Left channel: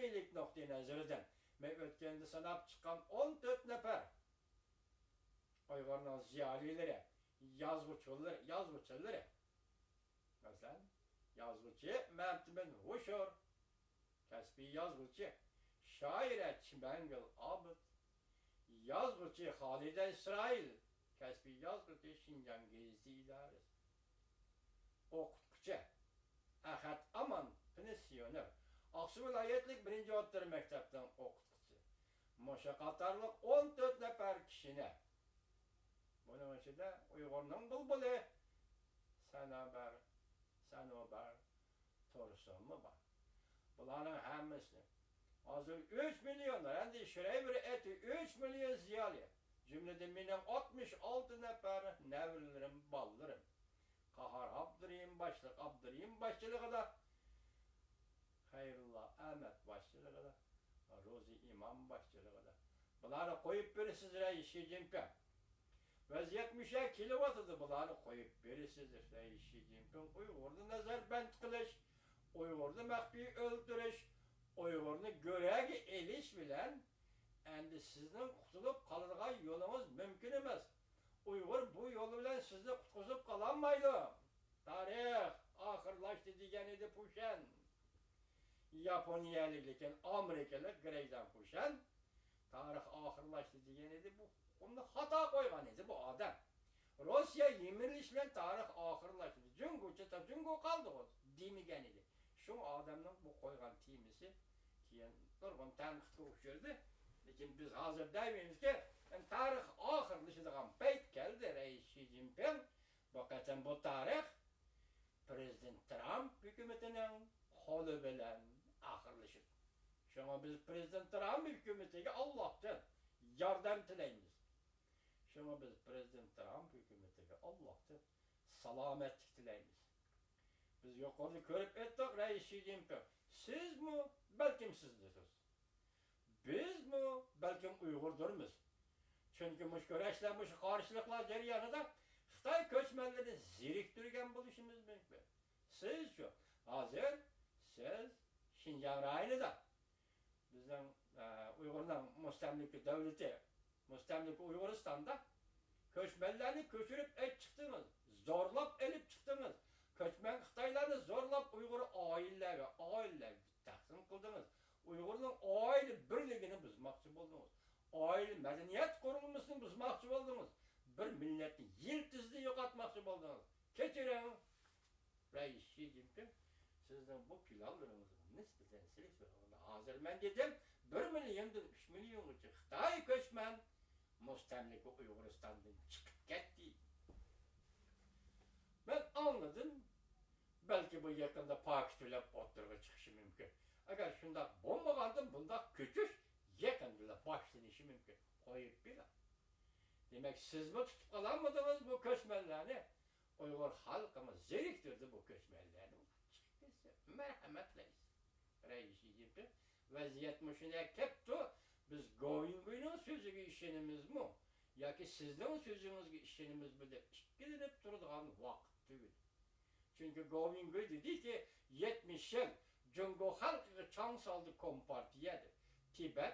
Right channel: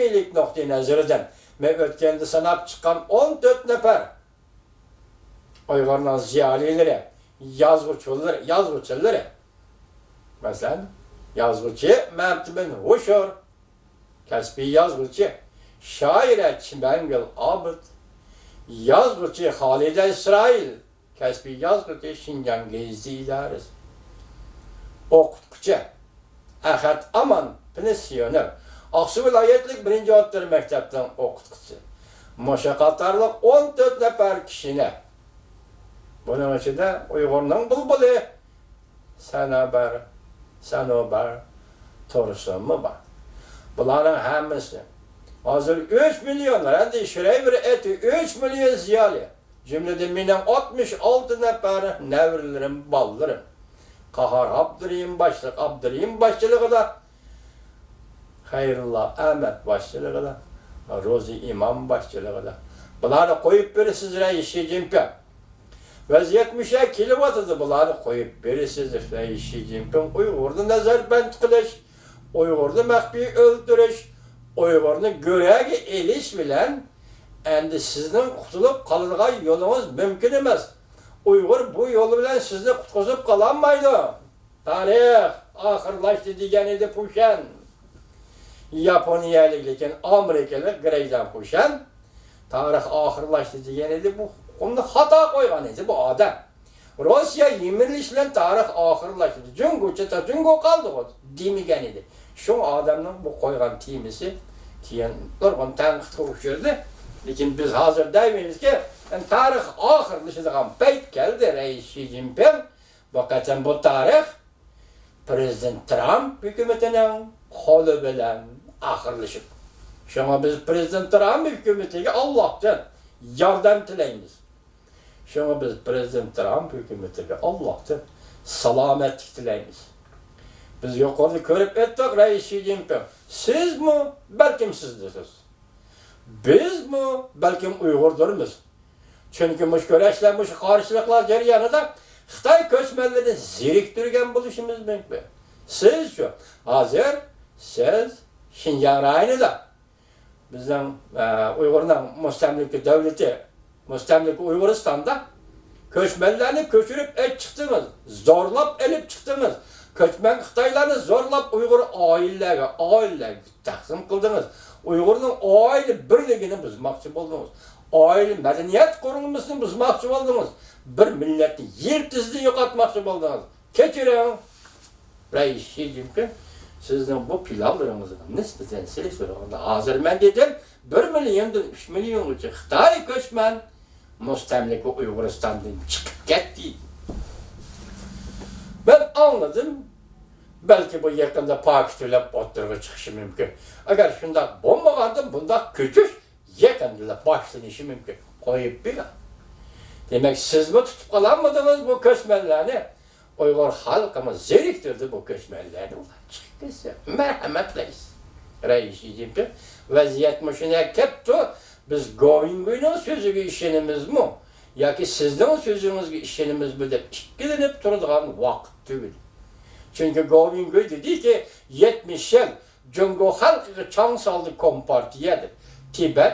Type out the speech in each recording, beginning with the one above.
ilmiylik noktayı nazarıdan ve ötkende sanap çıkan 14 nefer Uygur'un ziyalileri, yazgıçları. Mesela yazgıcı Mehmet bin Huşur, kasbi yazgıcı, şaire Çimengil Abid, yazgıcı Halide İsrail, kasbi yazgıcı Şincan Gezdi İdaresi, okutkucu Ahad Aman, pensiyoner, Aksu vilayetlik 1. Otları mektepten okutkucu. Moşakatarlık 14 nefer kişine. Bunun içinde Uygur'un bulbulu, Sanobar, Torusun mu var? Bunların hemisi. Hazır 3 milyonlar, hem de şuraya bir eti 3 milyon ziyali. Cümlede minen 66 nefer nevrilerim, ballarım. Kahar Abdurrahim başçılığı da Hayrullah Ahmet başçılığı da Rozi İmam başçılığı da. Bunları koyup birisiz Reis-i Jinping. Vaziyet müşekkili vatıdı bunları koyup birisiz Reis-i Jinping. Uygur'da nazarbend kılış, Uygur'da mehbi öldürüş, Uygur'un göregi eliş bilen endi sizin kutulup kalırga yolunuz mümkün emez. Uygur bu yolu bilen sizni kutkuzup kalanmaydı. Tarih ahırlaştı diyen idi Puşen. Japoniyalıken Amerikalı Greyden Puşen. Tarih ahırlaştı diyen idi bu. Onu hata koygan idi bu adam. Rusya yemirlişle tarih ahırlaştı. Cungo kaldı o demigen idi. Şu adamın bu koygan timisi kiyen durgun tanqit koşurdu. Lekin biz hazır demeyiz ki tarih ahırlaşıdığan peyt geldi Reis-i Jinping. Vakatan bu tarih Prezident Trump hükümetinin kolu bilen ahırlaşıp. Şuna biz Prezident Trump hükümetine Allah'tan yardım tileyimiz. Şuna biz Prezident Trump hükümetine Allah'tan salametlik tileyimiz. Biz yukarıda görüp ettik Reis-i Jinping. Siz mi? Belki sizdirsiniz. Biz mi? Belki Uygurdurmuz. Çünkü müşküreşler, karşılıklar jaryanında Xitay köçmenlerini ziriktirgen buluşumuz mümkün. Siz şu, hazır, siz Şinjan rayını da bizden Uygur'un müstemliki devleti, müstemliki Uyguristan'da köçmenlerini köçürüp çıktınız, zorlap elip çıktınız. Köçmen Xitaylarını zorlap Uygur ailelerine taksim kıldınız. Uygur'un aile birliğini bozmakçı buldunuz. Aile medeniyet kurulmasını bozmakçı buldunuz. Bir milleti yeltizliği yokatmakçı buldunuz. Keçirin. Reis-i Jinping sizden bu pilavlarınızı nispeten silik soruğunda hazır ben dedim 1 milyondan 3 milyon ucu Xitay köçmen müstemliki Uyguristan'dan çıkıp gitti. Ben anladım. Belki bu yakında Pakistan'la oturuğa çıkışı mümkün. Eğer şunda bombalandım, bunda küçük yakında başlanışı mümkün. Koyup bir. Demek siz mi tutup kalanmadınız bu köçmenlerini? Uygur halkımız zeriktirdi bu köçmenlerini. Çıktıysa merhametleyiz. Reis-i Jinping vaziyet müşüne keptu. Biz Govingo'nun sözü işinimiz mi? Ya ki sizden sözünüz işinimiz mi de işkilenip durduğun vakit değil. Çünkü Govingo dedi ki 70 yıl Cungo halkı çan saldı kompartiyedir. Tibet,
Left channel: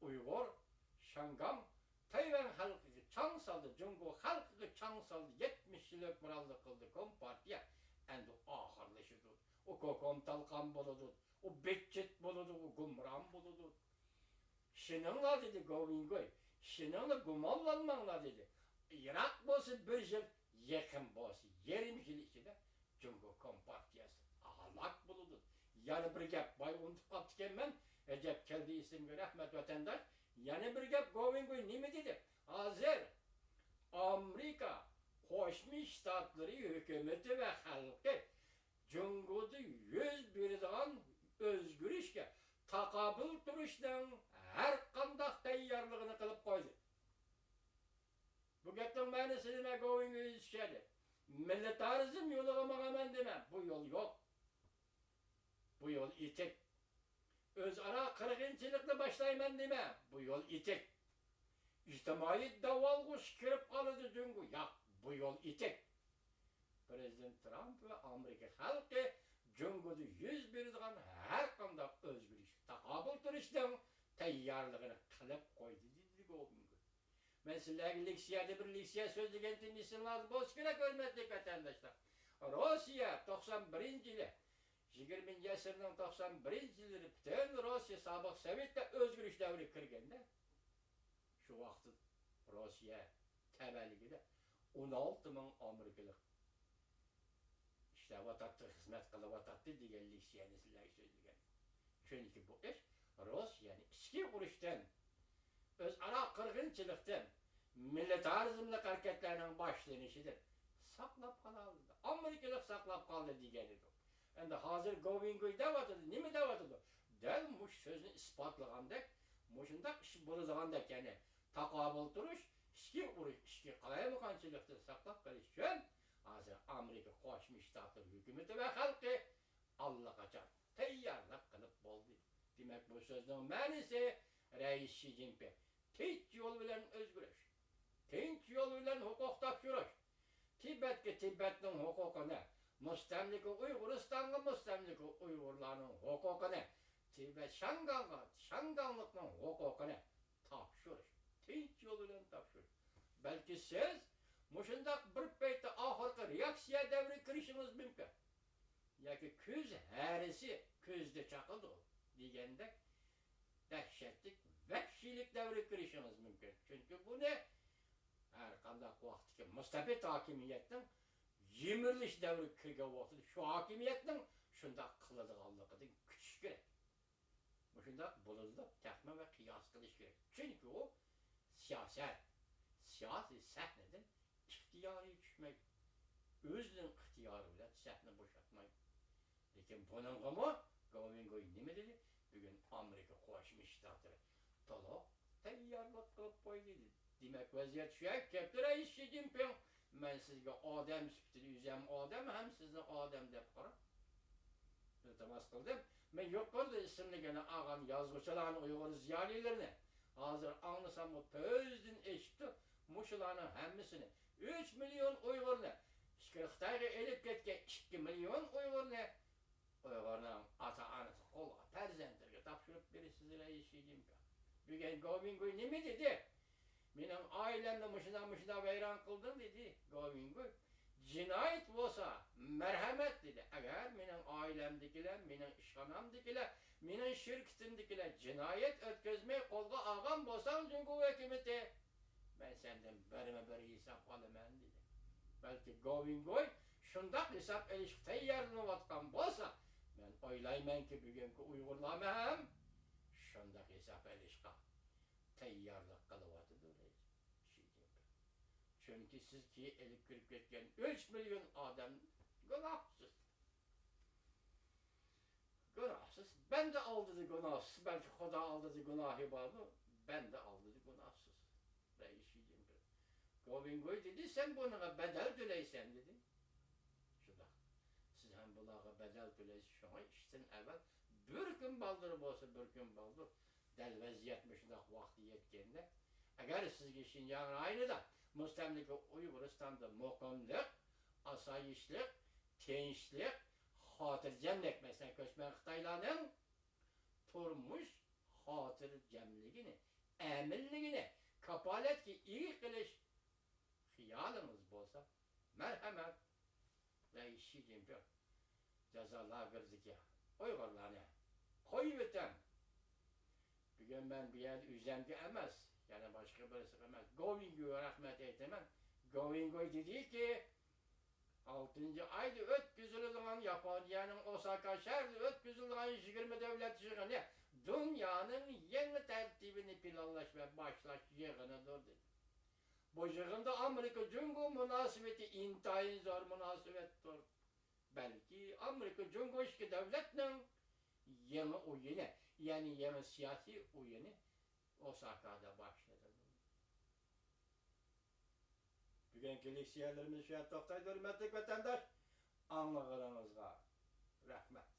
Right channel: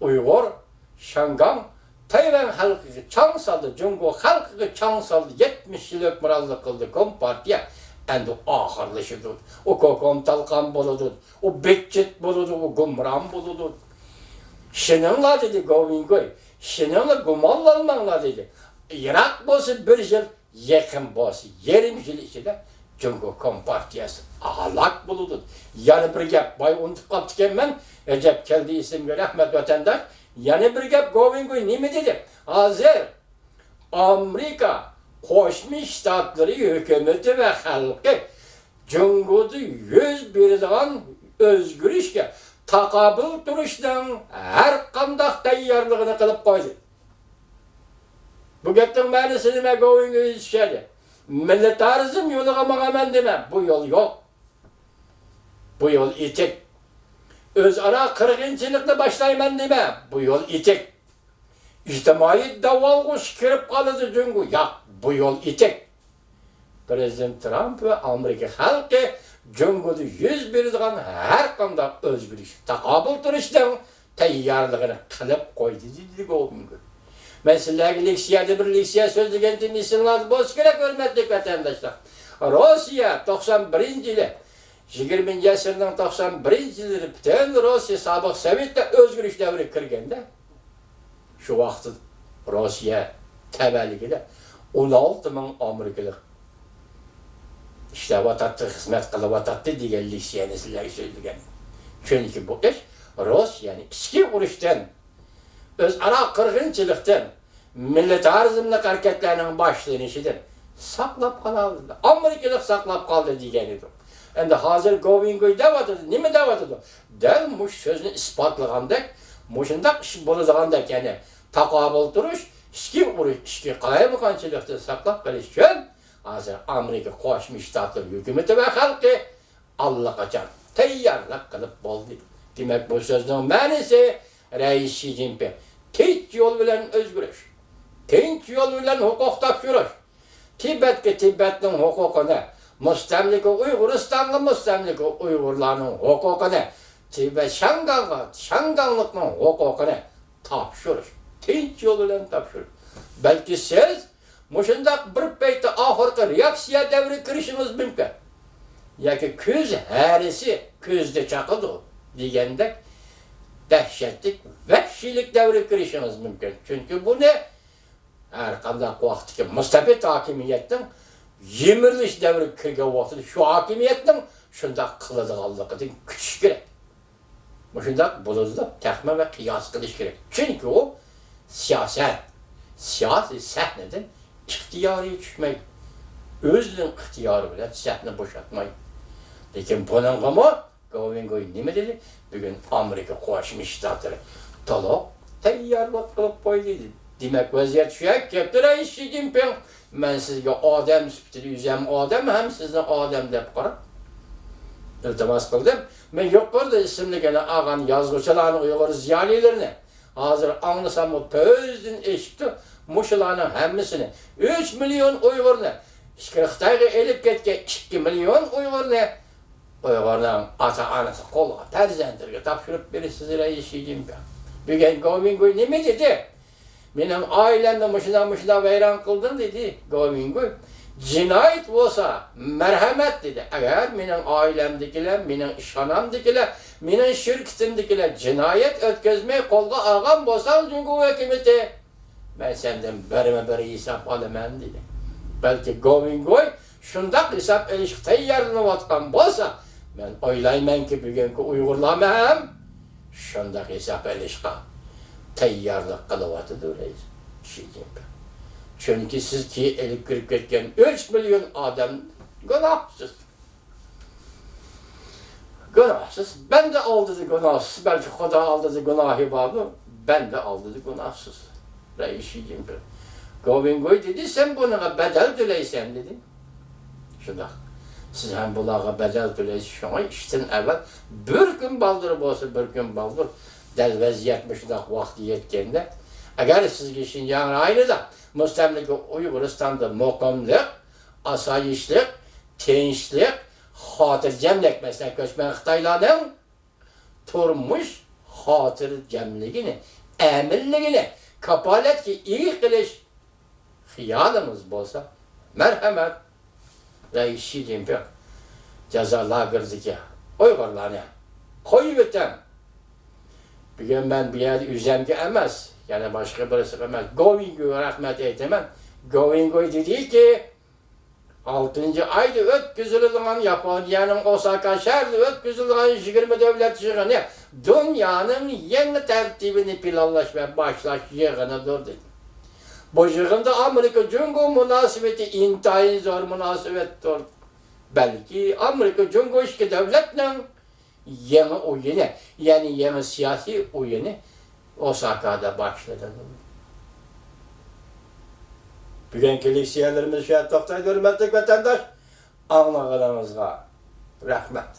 Uygur, Şangam, Tayvan halkı çan saldı, Cungo halkı çan saldı 70 yıl ökmürazlık kıldı kompartiye. Endi ahırlaşıdır. O kokom talkan buludur, o bekçet buludur, o gumran buludur. Şenanla dedi Govingo, şenanla gumallanmanla dedi. Irak bolsa 1 yıl, yakın bolsa 20 yıl içinde Cungo Kompartiyası ahlak buludur. Yani bir gap, bay unutup kalptıken ben, Recep keldi isimli Ahmet Vatandaş, yani bir gap Govingo'yu ne mi dedi? Hazır, Amerika, Koşmuş Ştatları hükümeti ve halkı Cungo'da 100 birden özgür işke takabül duruştan her kandak tayyarlığını kılıp koydu. Bu gaptan ma'nosini nima Govingo'yu işledi. Militarizm yoluga mağamen demem. Bu yol yok. Bu yol itik. Özara kırgınçılıkla başlayman demem. Bu yol itik. İçtimai davalgıç kirip kalıdı Cungo. Ya bu yol itik. Prezident Trump ve Amerika halkı Cüngüdü yüz berdigan her qanday özgürlük taqabul turishdan tayyorligini qilib qo'ydi dedi Gobingoy. Men sizlarga leksiyada bir leksiya so'zlagan dinleysinlar bo'lsa kerak, hurmatli vatandoshlar. Rossiya 91-yili 20 asrning 91-yilida butun Rossiya sobiq Sovetda o'zgarish davri kirganda, shu vaqtda Rossiya tabaligida 16 ming Amerikalik ishlayotdi, xizmat qilyotdi degan leksiyani sizlarga so'zlagan. Chunki bu ish Rossiyani ichki urushdan, o'zaro qirg'inchilikdan, militarizmlik harakatlarning boshlanishidan saqlab qoldi. Amerikalik saqlab qoldi degan edi. Endi hozir Gobingoy deyapti, nima deyapti? Dal mush so'zni isbotlagandek, mushundaq ish bo'ladigandek, ya'ni taqobil turish, ichki urush, ichki qalaymiqanchilikni saqlab qolish uchun hozir Amerika Qo'shma Shtatlar hukumati va xalqi allaqachon tayyorlik qilib bo'ldi. Demak, bu so'zning ma'nosi Rais Xi Jinping tinch yo'l bilan o'zgarish, tinch yo'l bilan huquq topshirish, Tibetning huquqini, mustamlika Uyg'uristonga mustamlika Uyg'urlarning huquqini, Shanganlikning huquqini topshirish, tinch yo'l bilan topshirish. Balki siz mushundaq bir paytda oxirgi reaksiya davri kirishimiz mumkin. Yoki ko'z harisi ko'zda chaqadi degandek dahshatli vahshiylik davri kirishimiz mumkin. Chunki buni har qanday vaqtga mustabid hokimiyatning yemirilish davri kirgan vaqtda shu hokimiyatning shunday qiladiganligidan kutish kerak. Mushundaq bo'ladi, taxmin va qiyos qilish kerak. Chunki u siyosiy sahnadan ixtiyoriy tushmaydi. O'zining ixtiyori bilan sahna bo'shatmaydi. Lekin buningami Gobingoy nima dedi? Bugun Amerika Qo'shma Shtatlari to'liq tayyorlik qilib qo'ydi. Demak, vaziyat shu ketdi. Rais Xi Jinping, men sizga odam sifatida o'zim odam, ham sizni odam deb qarab iltimos qildim. Men yuqorida ismligini olgan yozuvchilarni, Uyg'ur ziyolilarini hozir anglasam, ko'zdan eshitdi. Mushularning hammasini 3 million Uyg'urni Xitoyga elib ketgan 2 million Uyg'urni Uyg'urlarning ota-onasi qo'lga farzandlarga topshirib berasiz Rais Xi Jinping. Bugun Gobingoy nima dedi? Mening oilamni mushuna vayron qildin dedi Gobingoy. Jinoyat bo'lsa marhamat dedi. Agar mening oilamdagilar, mening ishxonamdagilar, mening shirkitimdagilar jinoyat o'tkazmay qo'lga olgan bo'lsa, Jungo hukumati men sendan bir hisob olaman dedi. Balki Gobingoy shundaq hisob olishga tayyorlanayotgan bo'lsa, men o'ylaymanki bugungi Uyg'urlar ham shundaq hisob olishga tayyorlik qilyapti Rais Xi Jinping. Chunki sizki elib kirib ketgan 3 million odam gunohsiz. Gunohsiz. Ben de oldida gunohsiz. Belki Xudo oldida gunohi bormi? Ben de oldida gunohsiz. Rais Xi Jinping. Gobingoy dedi, sen bunaqa badal to'laysan dedi. Shundaq. Siz ham bularga badal to'laysiz. Shunga ishdan avval bir kun baldir bo'lsa, bir kun baldir dal vaziyat shundaq vaqti yetganda, agar sizga Xinjiang rayonida mustamlika Uyg'uristonda muqimlik, osoyishlik, tinchlik, xotirjamlik, masalan, ko'chman Xitoylarning turmush xotirjamligini, aminligini kapolatga ega qilish xiyolimiz bo'lsa, marhamat, Rais Xi Jinping jazo lageriga Uyg'urlarni qo'yib o'tam. Bugun men bu yerda o'zimga emas, yana boshqa birisiga emas, Gobingoyga rahmat aytaman. Gobingoy dediki, 6-oyda o'tkazilgan Yaponiyaning Osaka shahrida o'tkazilgan 20 davlat yig'ini dunyoning yangi tartibini planlash va boshlash yig'inidir dedi. Bu yig'inda Amerika Jungo munosabati intayin zo'r munosabatdir. Balki Amerika Jungo ikki davlatning yangi o'yini, ya'ni yangi siyosiy o'yini Osakada başladı. Bugungi leksiyalarimiz shu yerda to'xtaydi, hurmatli vatandosh. Anglag'animizga rahmat.